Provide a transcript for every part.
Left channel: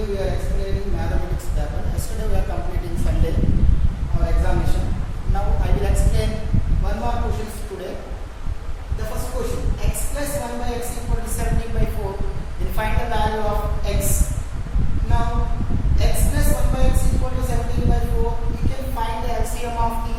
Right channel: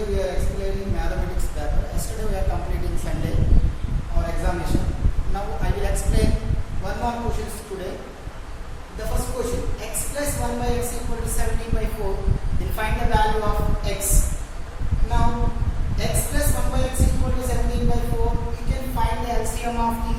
Today we are explaining mathematics paper. Yesterday we are completing Sunday our examination. Now I will explain one more questions today. The first question: x plus 1 by x equal to 17 by 4. Then find the value of x. Now x plus 1 by x equal to 17 by 4. We can find the LCM of the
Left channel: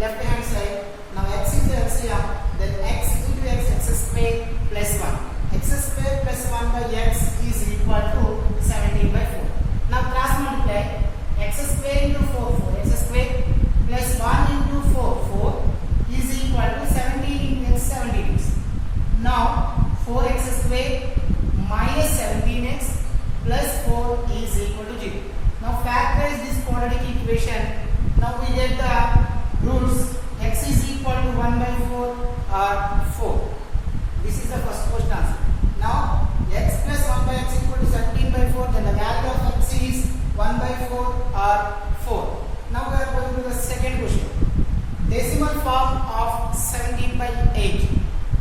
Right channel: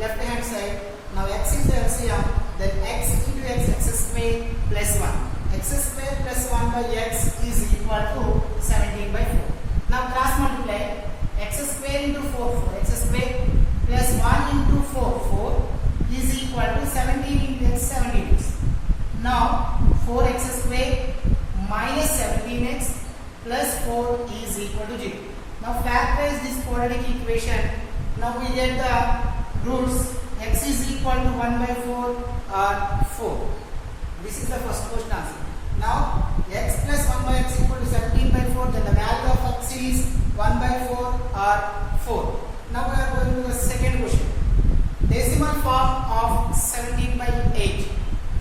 left hand side. Now x is the LCM. Then x into x square plus 1. X square plus 1 by x is equal to 17 by 4. Now cross multiply x square into 4 x square plus 1 into 4 is equal to 17 into x 17. Now 4x square minus 17x plus 4 is equal to 0. Now factorize this quadratic equation. Now we get the roots. X is equal to 1 by 4 or 4. This is the first question answer. Now x plus 1 by x equal to 17 by 4. Then the value of x is 1 by 4 or 4. Now we are going to the second question. Decimal form of 17 by 8.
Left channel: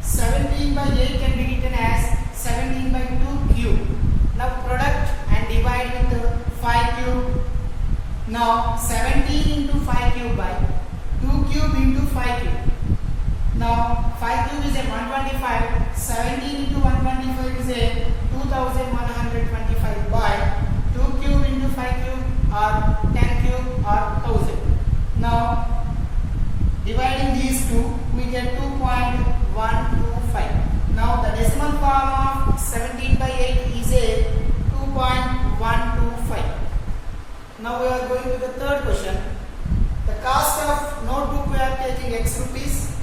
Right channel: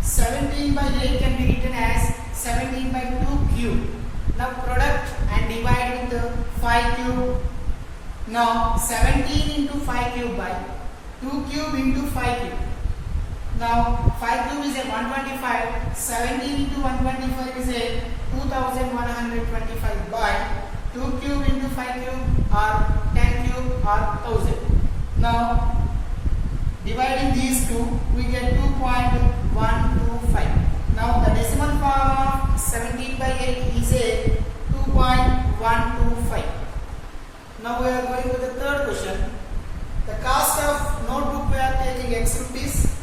17 by 8 can be written as 17 by 2 cube. Now product and divide with 5 cube. Now 17 into 5 cube by 2 cube into 5 cube. Now 5 cube is a 125. 17 into 125 is a 2125 by 2 cube into 5 cube or 10 cube or 1000. Now dividing these two, we get 2.125. Now the decimal form of 17 by 8 is a 2.125. Now we are going to the third question. The cost of notebook we are taking x rupees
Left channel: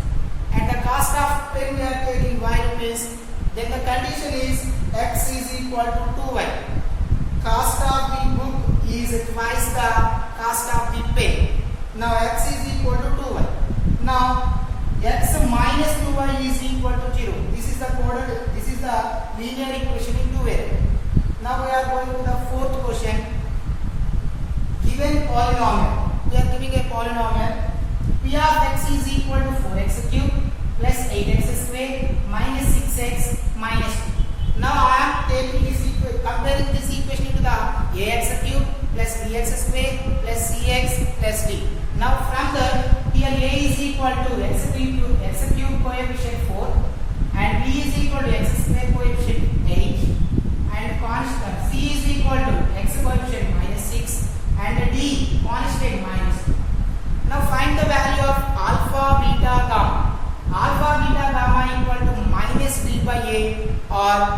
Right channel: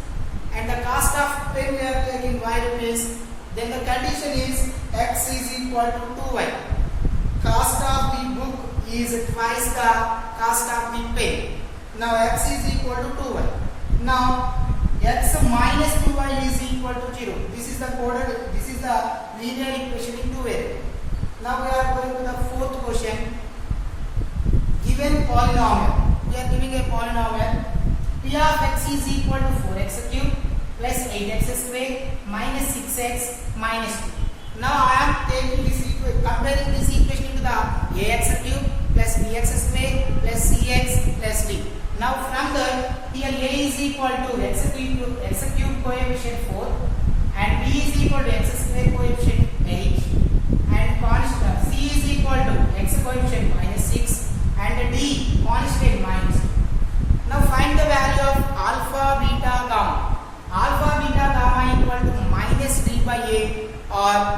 and the cost of pen we are taking y rupees. Then the condition is x is equal to 2y. Cost of the book is twice the cost of the pen. Now x is equal to 2y. Now x minus 2y is equal to 0. This is the linear equation in two variables. Now we are going to the fourth question. Given polynomial. We are giving a polynomial. P of x is equal to 4x cube plus 8x square minus 6x minus 2. Now I am taking this equation, comparing this equation to the ax cube plus bx square plus cx plus d. Now from there, here a is equal to x cube coefficient 4 and b is equal to x square coefficient 8 and constant c is equal to x coefficient minus 6 and d constant minus 2. Now find the value of alpha, beta, gamma. Alpha, beta, gamma equal to minus b by a or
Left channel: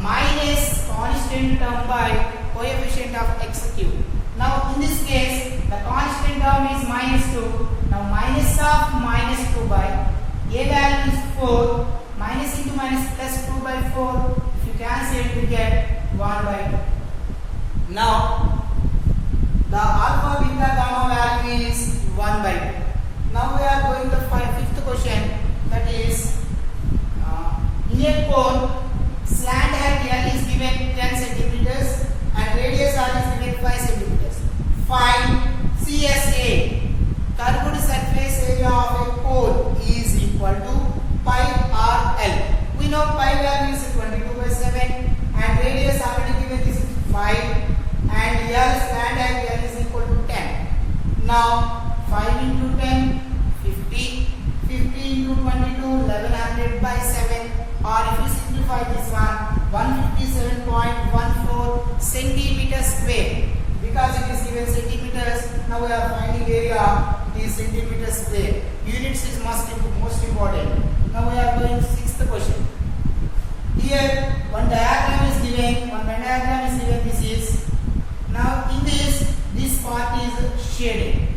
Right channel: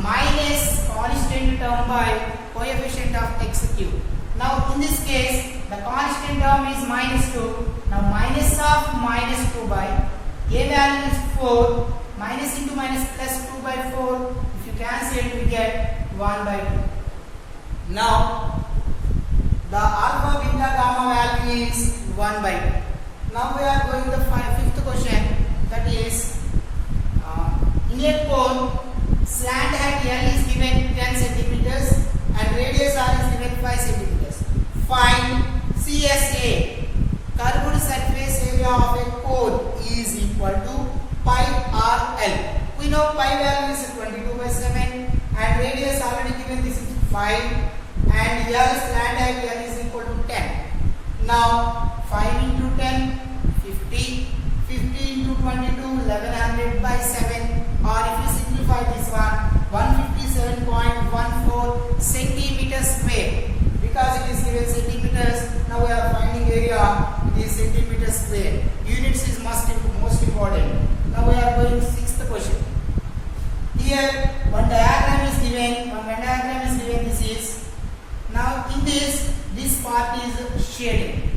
minus constant term by coefficient of x cube. Now in this case, the constant term is minus 2. Now minus of minus 2 by a value is 4. Minus into minus plus 2 by 4. If you cancel it, we get 1 by 2. Now the alpha, beta, gamma value is 1 by 2. Now we are going to the fifth question. That is, in a cone, slant height L is given 10 centimeters and radius R is given 5 centimeters. Find CSA, curved surface area of a cone, is equal to pi RL. We know pi value is 22 by 7 and radius already given, this is 5 and L slant height L is equal to 10. Now 5 into 10, 50. 50 into 22, 1100 by 7, or if you simplify this one, 157.14 centimeters square. Because it is given centimeters, now we are finding area, it is centimeters square. Units is most important. Now we are going to sixth question. Here one diagram is given, this is. Now in this part is shaded.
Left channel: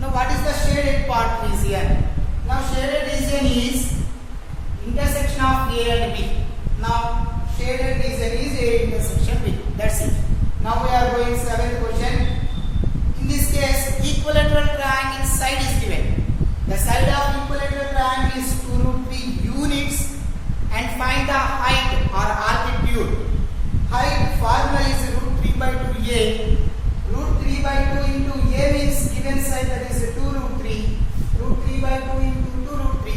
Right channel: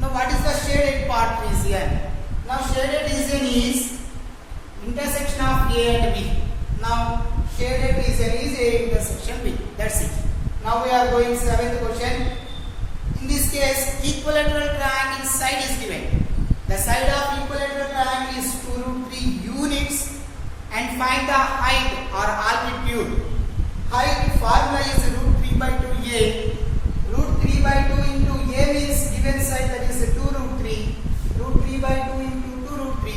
Now what is the shaded part region? Now shaded region is intersection of A and B. Now shaded region is A intersection B. That's it. Now we are going seventh question. In this case, equilateral triangle side is given. The side of equilateral triangle is 2 root 3 units and find the height or altitude. Height formula is root 3 by 2a. Root 3 by 2 into a means given side, that is 2 root 3. Root 3 by 2 into 2 root 3.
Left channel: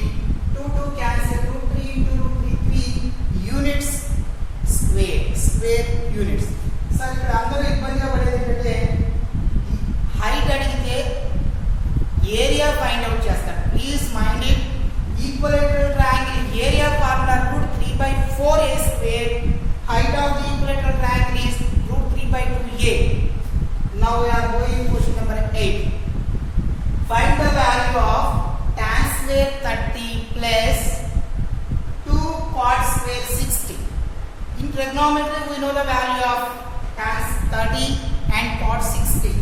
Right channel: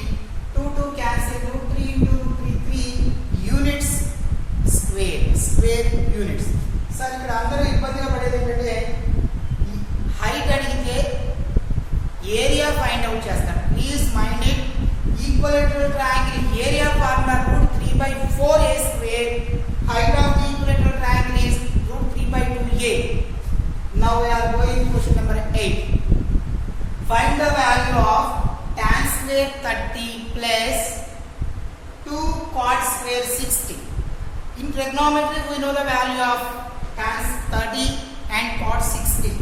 2 cancel, root 3 into root 3, 3 units square units. Sir ఇక్కడ అందరూ ఇబ్బందిగా పడేది ఏంటంటే height అడిగితే area find out చేస్తారు. Please mind it, equilateral triangle area formula √3/4a square. Height of the equilateral triangle is √3/2a. Now we are going to question number 8. Find the value of tan square 30 plus 2 cot square 60. In trigonometry we know the value of tan 30 and cot 60.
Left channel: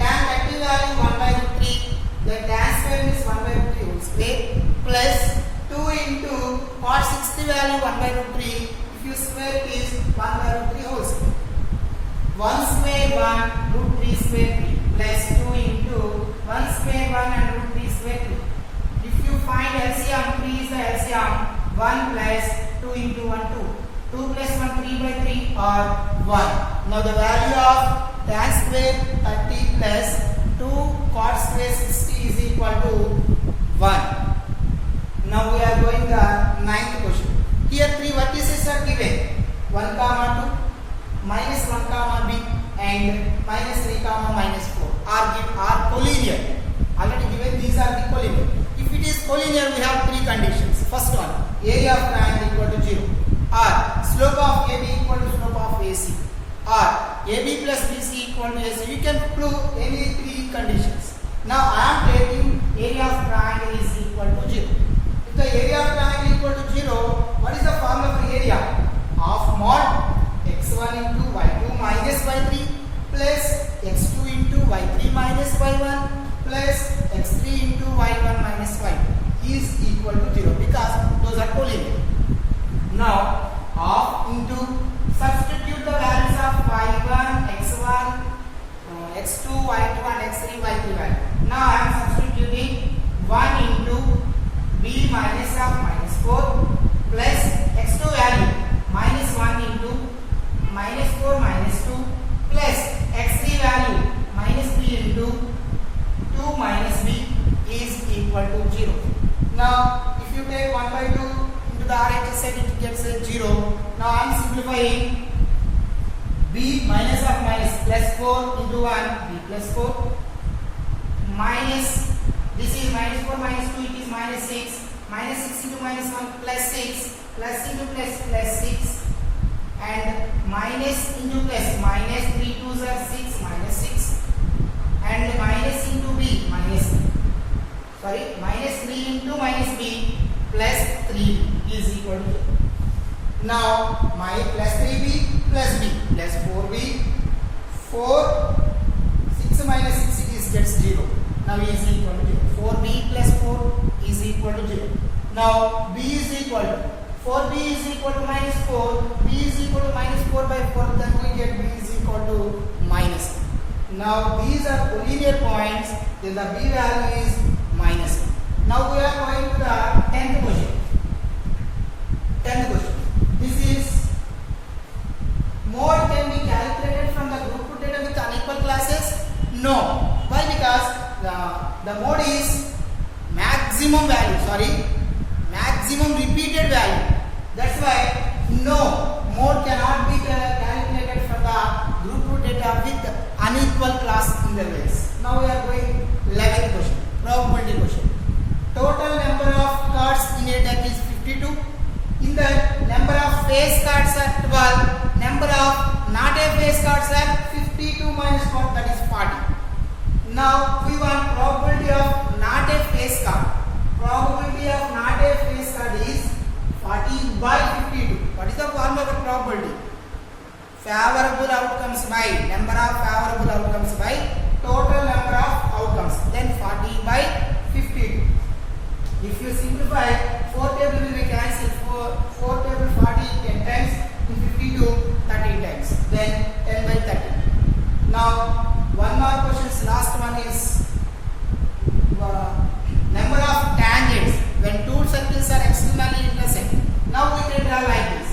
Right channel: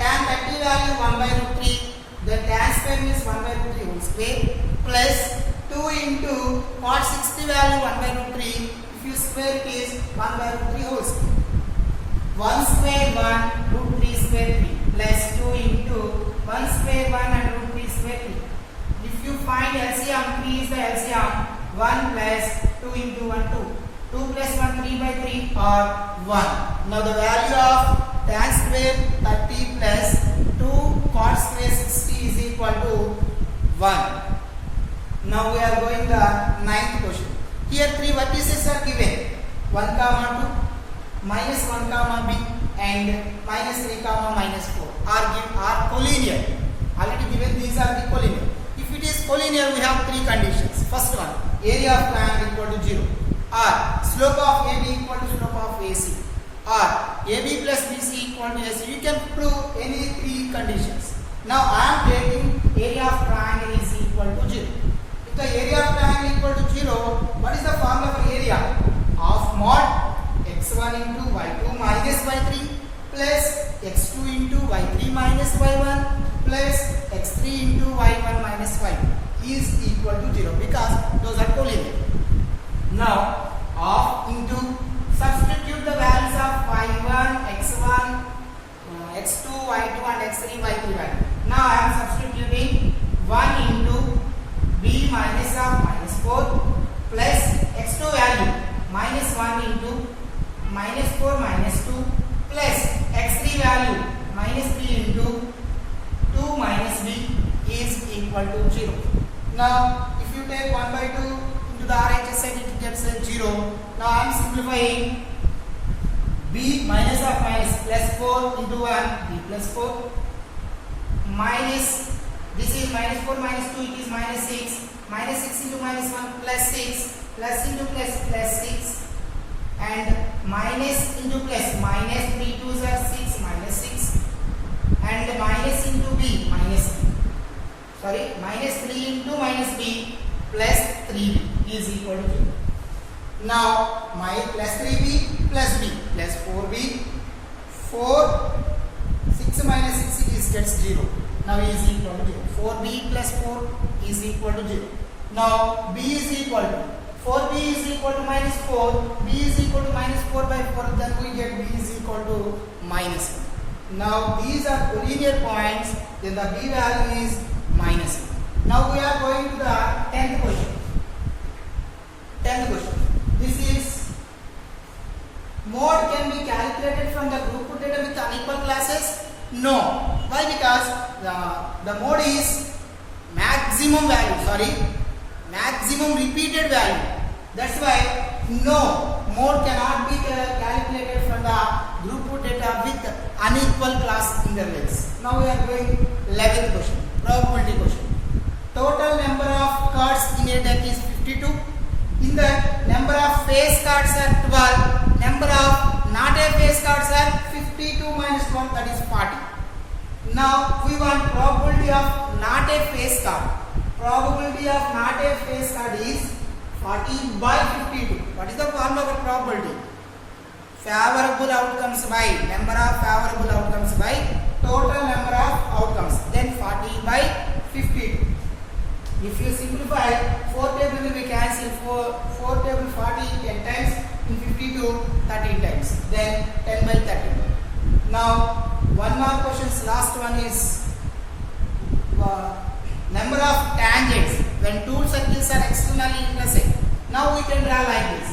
Tan 30 value 1/√3, then tan square means 1/√3 whole square plus 2 into cot 60 value 1/√3. If you square it is 1/√3 whole square. 1 square 1, √3 square 3 plus 2 into 1 square 1 and √3 square 3. If you find LCM, 3 is the LCM. 1 plus 2 into 1 2. 2 plus 1 3/3 or 1. Now the value of tan square 30 plus 2 cot square 60 is equal to 1. Now we are going the 9th question. Here 3 vertices are given. 1, 2, minus 1, b and minus 3, minus 4 are collinear. Already given these are the collinear. If it is collinear we have 3 conditions. First one, area of triangle equal to 0, or slope of AB equal to slope of AC, or AB plus BC equal to AC. You can prove any 3 conditions. Now I am taking area of triangle is equal to 0. If the area of triangle equal to 0, what is the formula for area? Of mod x1 into y2 minus y3 plus x2 into y3 minus y1 plus x3 into y1 minus y2 is equal to 0 because those are collinear. Now half into, substitute the values of y1, x1, x2, y2 and x3, y3 value. Now I am substituting 1 into b minus of minus 4 plus x2 value minus 1 into minus 4 minus 2 plus x3 value minus 3 into 2 minus b is equal to 0. Now if you take 1/2 into the RHS side it gets 0. Now I am simplifying b minus of minus plus 4 into 1 b plus 4 minus, this is minus 4 minus 2 it is minus 6, minus 6 into minus 1 plus 6 plus into plus 6 and minus into plus, minus 3 2s are 6 minus 6 and minus into b minus minus 3 into minus b plus 3b is equal to 0. Now my plus 3b plus b plus 4b, 4 6 minus 6 it is gets 0. Now is equal to 0. 4b plus 4 is equal to 0. Now b is equal to 4b is equal to minus 4, b is equal to minus 4/4, then we get b is equal to minus 1. Now these are collinear points, then the b value is minus 1. Now we are going to the 10th question. 10th question. This is mode can be calculated from the group put data with unequal classes? No. Why? Because the mode is maximum repeated value. That's why no mode cannot be calculated from the group put data with unequal class intervals. Now we are going 11th question, probability question. Total number of cards in a deck is 52. In the number of face cards are 12. Number of not a face cards are 52 minus 1, that is 40. Now we want probability of not a face card. Probability of not a face card is 40/52. What is the formula for probability? Favorable outcomes by number of favorable outcomes by total number of outcomes. Then 40/52. If you simplify, 4 table will be cancelled. 4 table 40 10 times, in 52 13 times. Then 10/30. Now one more questions. Last one is number of tangents when two circles are externally intersect. Now we can draw like this.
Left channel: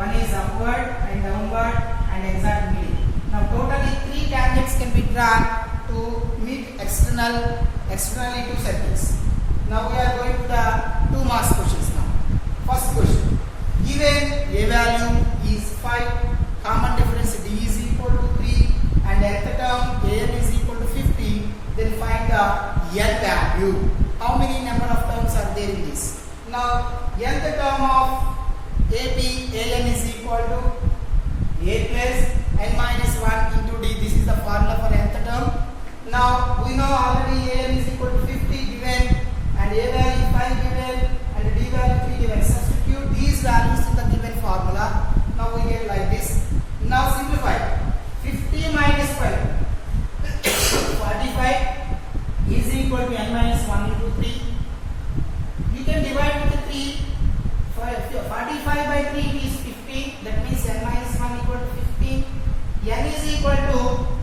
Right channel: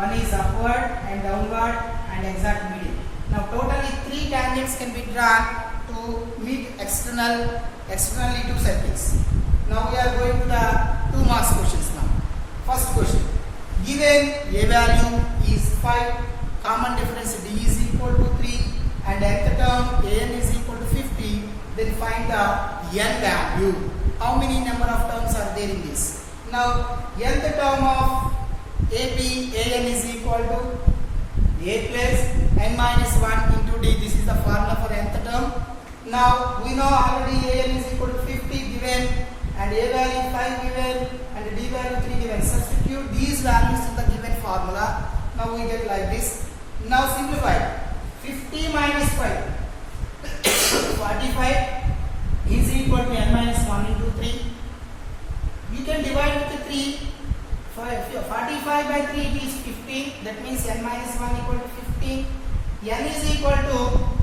One is upward and downward and exact middle. Now totally 3 tangents can be drawn to meet externally 2 circles. Now we are going to the 2 marks questions now. First question. Given a value is 5, common difference d is equal to 3 and nth term an is equal to 50, then find the n value. How many number of terms are there in this? Now nth term of an is equal to a plus n minus 1 into d. This is the formula for nth term. Now we know already an is equal to 50 given and a value is 5 given and d value 3 given. Substitute these values in the given formula. Now we get like this. Now simplify. 50 minus 5 45 is equal to n minus 1 into 3. We can divide with 3. 45 by 3 is 15. That means n minus 1 equal to 15. N is equal to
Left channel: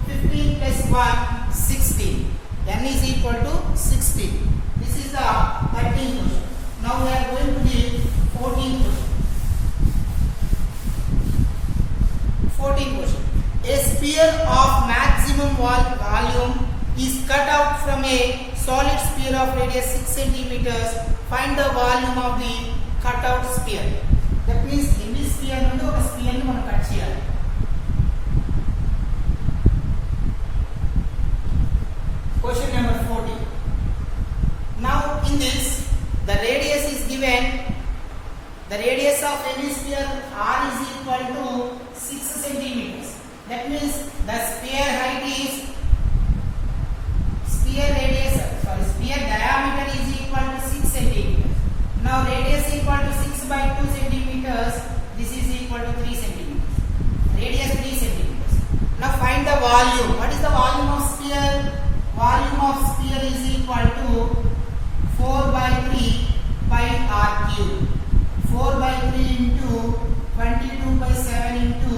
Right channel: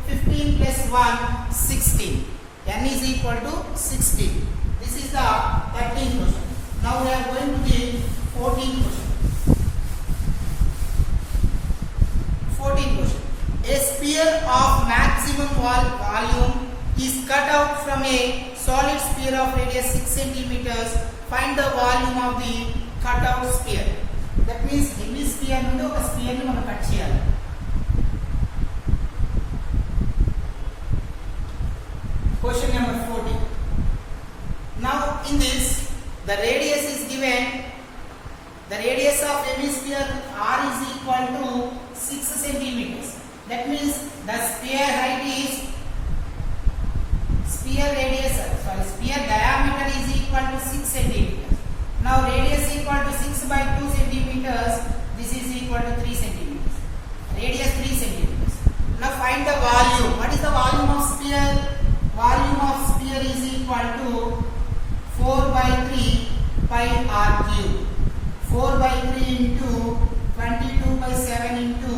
15 plus 1 16. N is equal to 16. This is the 13th question. Now we are going to the 14th question. 14th question. A sphere of maximum volume is cut out from a solid sphere of radius 6 centimeters. Find the volume of the cut out sphere. That means hemisphere నుండి ఒక spear ని మనం cut చేయాలి. Question number 40. Now in this the radius is given. The radius of hemisphere r is equal to 6 centimeters. That means the sphere height is sphere diameter is equal to 6 centimeters. Now radius equal to 6 by 2 centimeters. This is equal to 3 centimeters. Radius 3 centimeters. Now find the volume. What is the volume of sphere? Volume of sphere is equal to 4 by 3 pi r cube. 4 by 3 into 22 by 7 into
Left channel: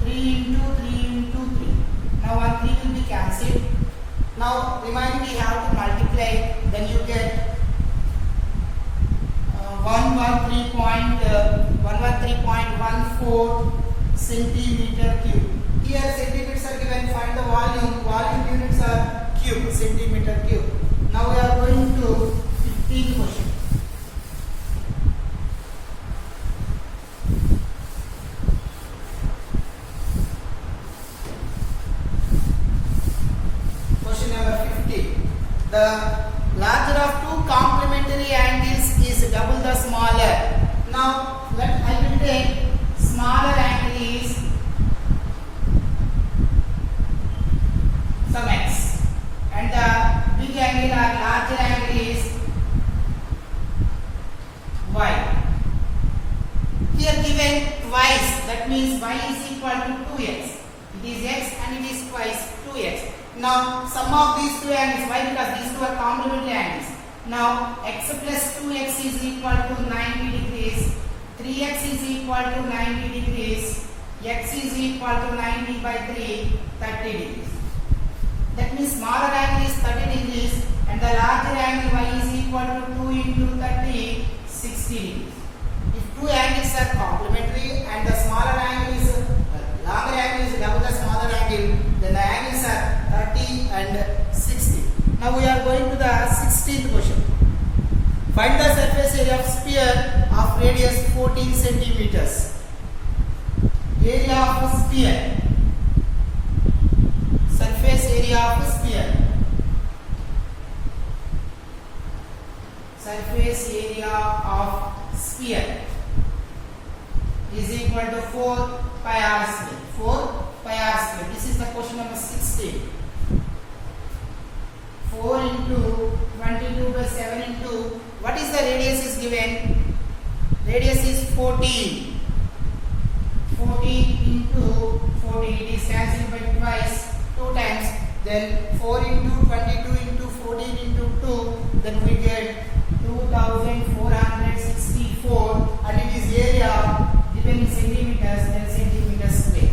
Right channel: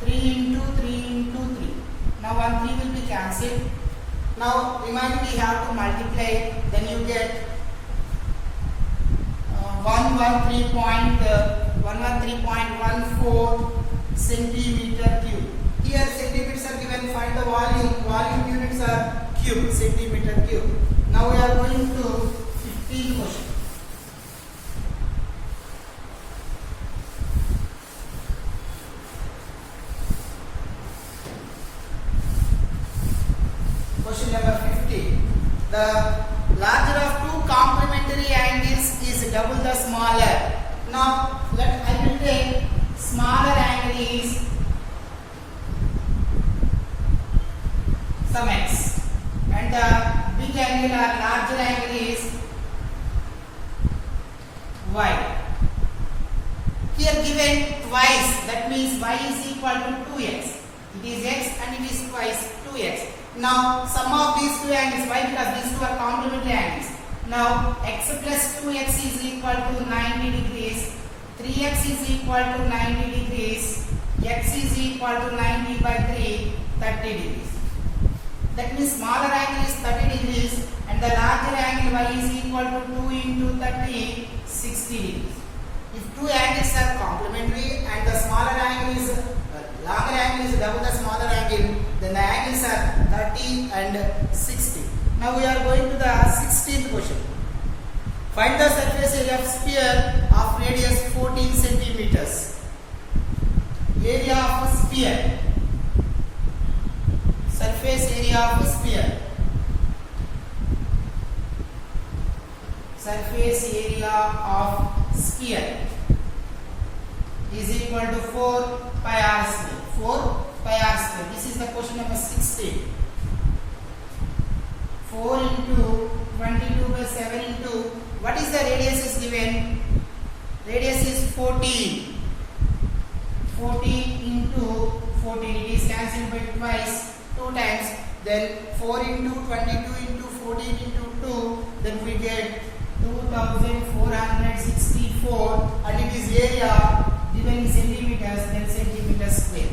3 into 3 into 3. Now 1 3 will be cancelled. Now remaining we have to multiply. Then you get 113.14 centimeter cube. Here centimeters are given. Find the volume. Volume units are cube, centimeter cube. Now we are going to 15th question. Question number 50. The larger of two complementary angles is double the smaller. Now I will take smaller angle is some x and the big angle or larger angle is y. Here given twice, that means y is equal to 2x. It is x and it is twice 2x. Now sum of these two angles, why? Because these two are complementary angles. Now x plus 2x is equal to 90 degrees, 3x is equal to 90 degrees, x is equal to 90 by 3, 30 degrees. That means smaller angle is 30 degrees and the larger angle y is equal to 2 into 30, 60 degrees. If two angles are complementary and the smaller angle is larger angle is double the smaller angle, then the angles are 30 and 60. Now we are going to the 16th question. Find the surface area of sphere of radius 14 centimeters. Area of a sphere. Surface area of a sphere. Surface area of sphere is equal to 4 pi r square. 4 pi r square. This is the question number 16. 4 into 22 by 7 into, what is the radius is given? Radius is 14. 14 into 14. It is cancelled by twice, 2 times. Then 4 into 22 into 14 into 2. Then we get 2464 and it is area given in centimeters, then centimeters square.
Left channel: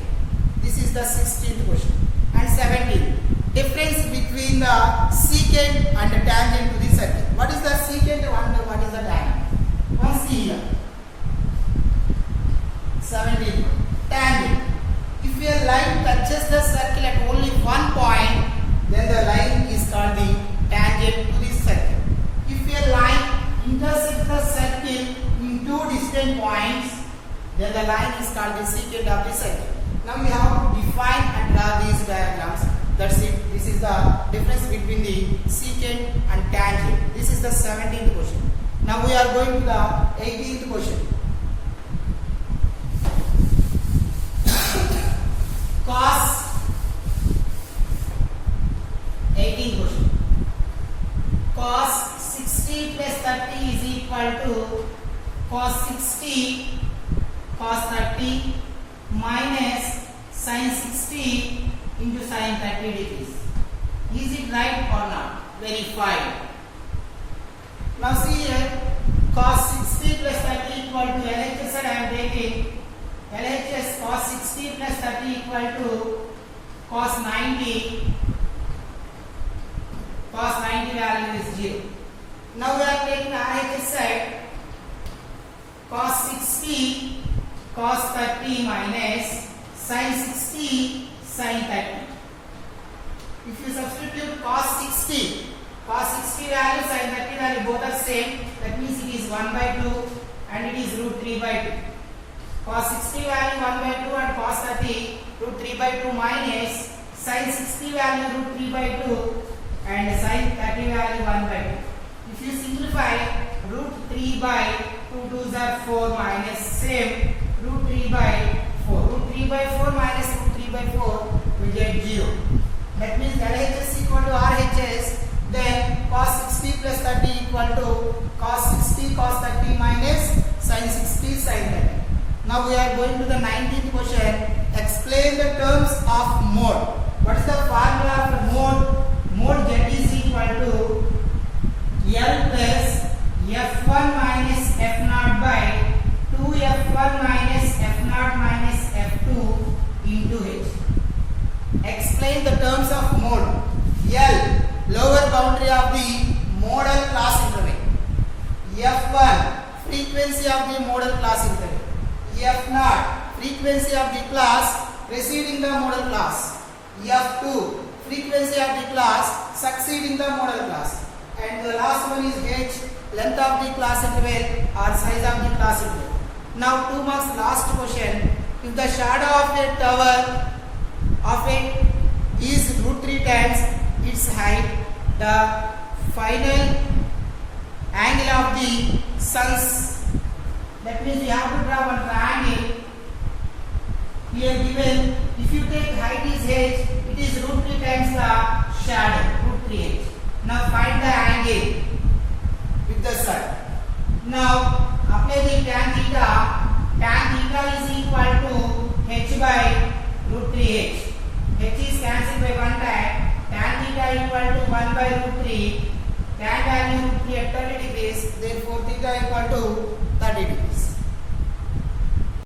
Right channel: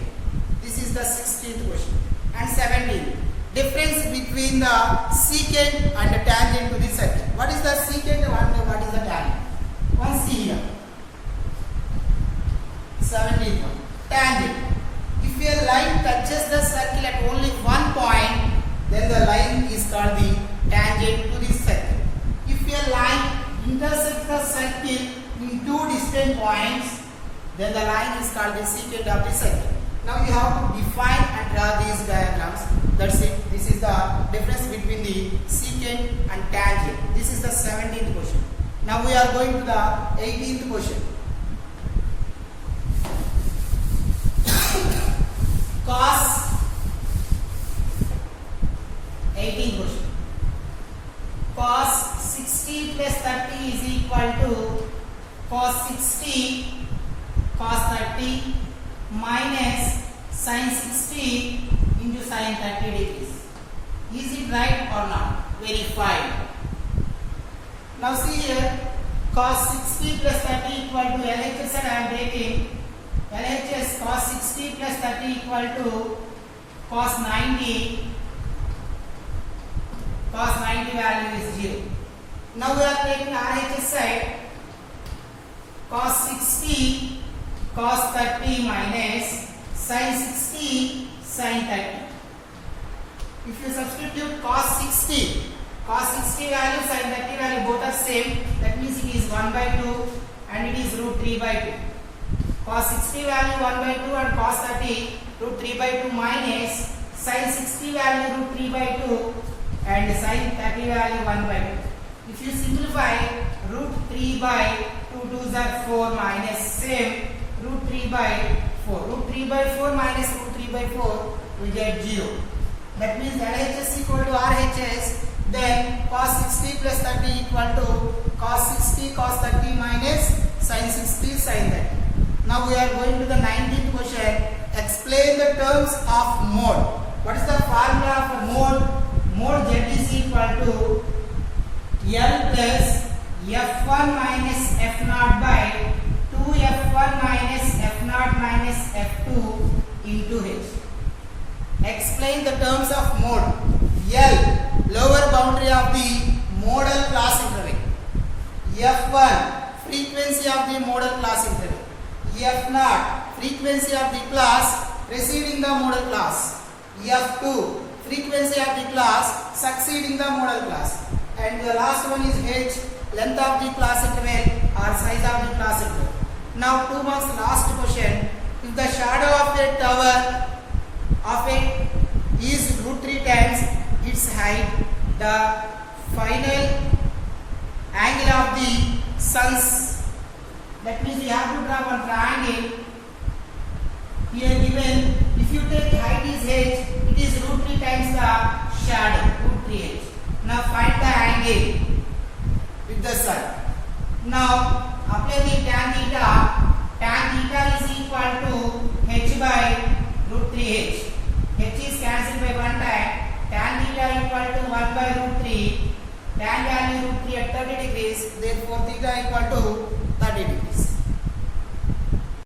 This is the 16th question. And 17th. Difference between the secant and the tangent to the circle. What is the secant and what is the tangent? One see here. 17th one. Tangent. If a line touches the circle at only one point, then the line is called the tangent to the circle. If a line intersects the circle in two distant points, then the line is called the secant of the circle. Now you have to define and draw these diagrams. That's it. This is the difference between the secant and tangent. This is the 17th question. Now we are going to the 18th question. Cos 18th question. Cos 60 plus 30 is equal to cos 60 cos 30 minus sin 60 into sin 30 degrees. Is it right or not? Verify. Now see here, cos 60 plus 30 equal to LHS and I am taking LHS cos 60 plus 30 equal to cos 90. Cos 90 value is 0. Now we are taking RHS side, cos 60 cos 30 minus sin 60 sin 30. If you substitute cos 60 value, sin 30 value both are same, that means it is 1 by 2 and it is root 3 by 2. Cos 60 value 1 by 2 and cos 30 root 3 by 2 minus sin 60 value root 3 by 2 and sin 30 value 1 by 2. If you simplify, root 3 by 2 2s are 4 minus same root 3 by 4. Root 3 by 4 minus root 3 by 4 we get 0. That means LHS equal to RHS. Then cos 60 plus 30 equal to cos 60 cos 30 minus sin 60 sin 30. Now we are going to the 19th question. Explain the terms of mode. What is the formula for mode? Mode Z is equal to L plus F1 minus F0 by 2F1 minus F0 minus F2 into H. Explain the terms of mode. L, lower boundary of the modal class interval. F1, frequency of the modal class interval. F0, frequency of the class preceding the modal class. F2, frequency of the class succeeding the modal class. And the last one is H, length of the class interval or size of the class interval. Now 2 marks last question. If the shadow of a tower of a is root 3 times its height, the final angle of the sun's, that means you have to draw one triangle here given. If you take height is h, it is root 3 times the shadow, root 3h. Now find the angle with the sun. Now apply the tan theta. Tan theta is equal to h by root 3h. H is cancelled by 1 time. Tan theta equal to 1 by root 3. Tan value root 3 at 30 degrees. Therefore theta equal to 30 degrees.